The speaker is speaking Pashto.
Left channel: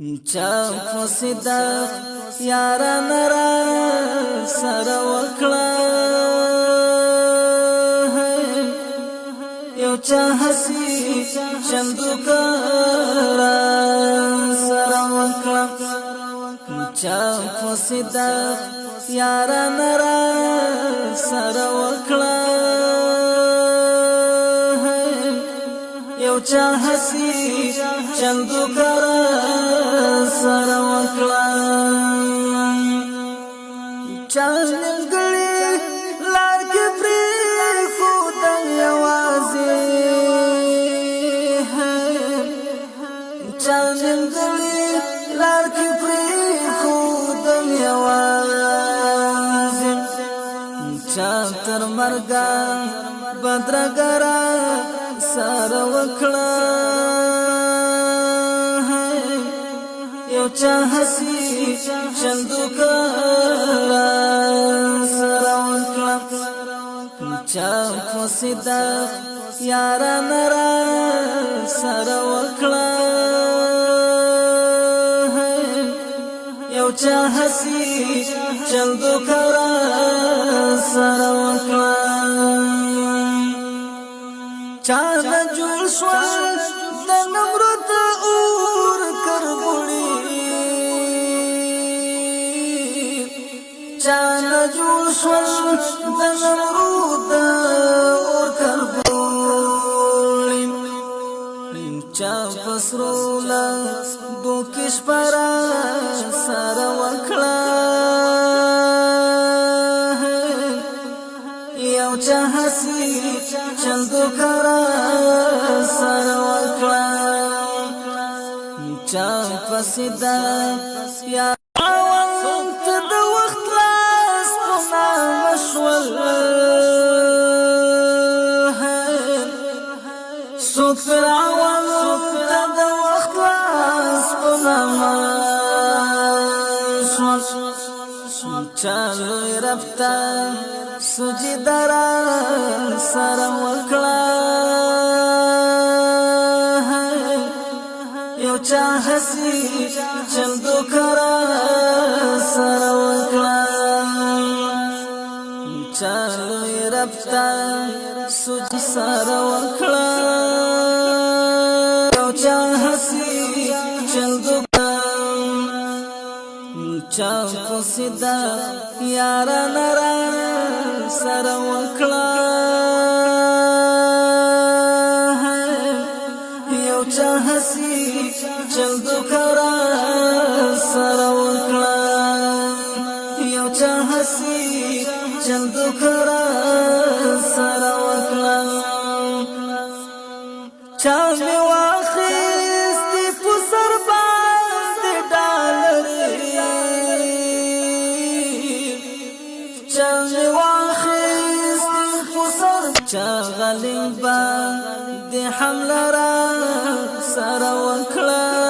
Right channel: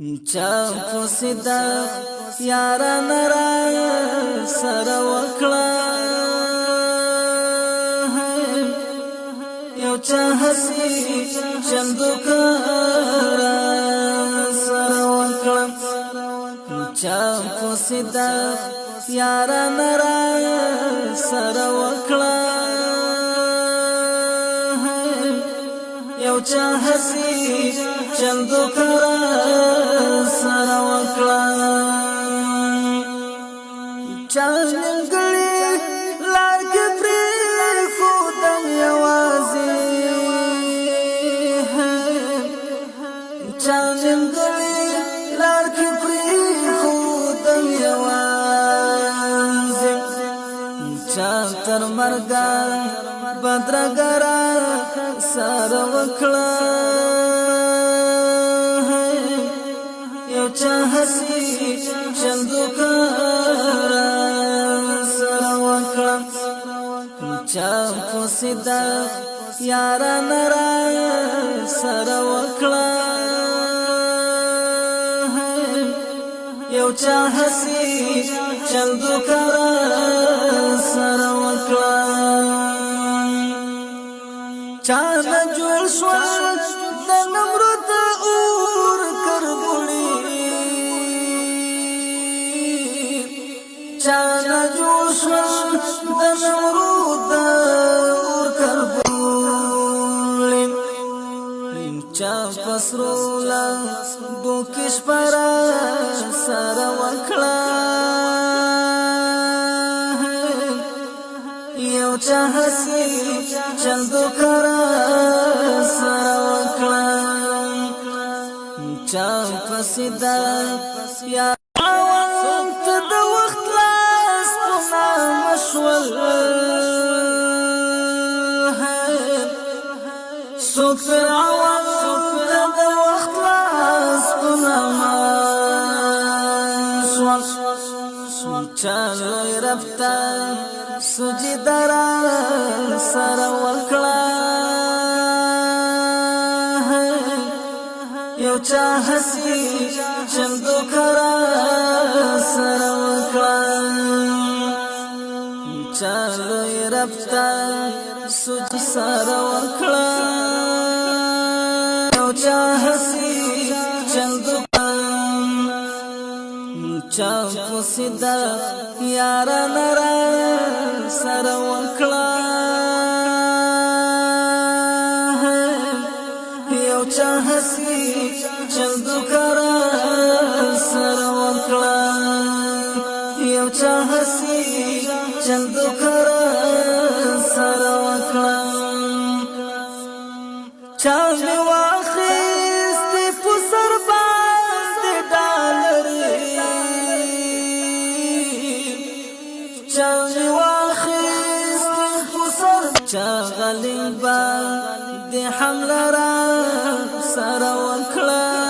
چا فسدا یارا نرا سر وکړه یو چا حسی چندو کارا سر وکړه چا فسدا یارا نرا سر وکړه یو چا حسی چندو کارا سر وکړه چا نیمګړی لار کې پرې خودن یوازې چا نیمګړی لار کې پرې خودن یوازې چا تر مرګا بدرګرا سر وکړه چا حسی چندو کارا سر وکړه چا فسدا یارا نرا سر وکړه یو چا حسی چندو کارا سر وکړه چا نه جوړ شو د نمرود اور کربوړي چانا جوشن دنمرود اور کربولین چا پسرولا بوکش پرا سر وکړه یو چا حسی چندو کرا سر وکړه چا پسدا یا وانت د وخت لاس پنا مشول سو فرعون د وخت لاس پنا مشول چالو رفتا سجدارا سر وکړه یو چا حسی چندو کرا سر وکړه چالو رفتا سج سر وکړه یو چا حسی چندو چا فسدا یارا نرا سر وکړه یو چا حسی چندو کرا سر وکړه یو چا حسی چندو کرا سر وکړه چا می واخیستی په سر باندې ډالري چا می واخیستی په سر چا غلیبا د حمله را سر وکړه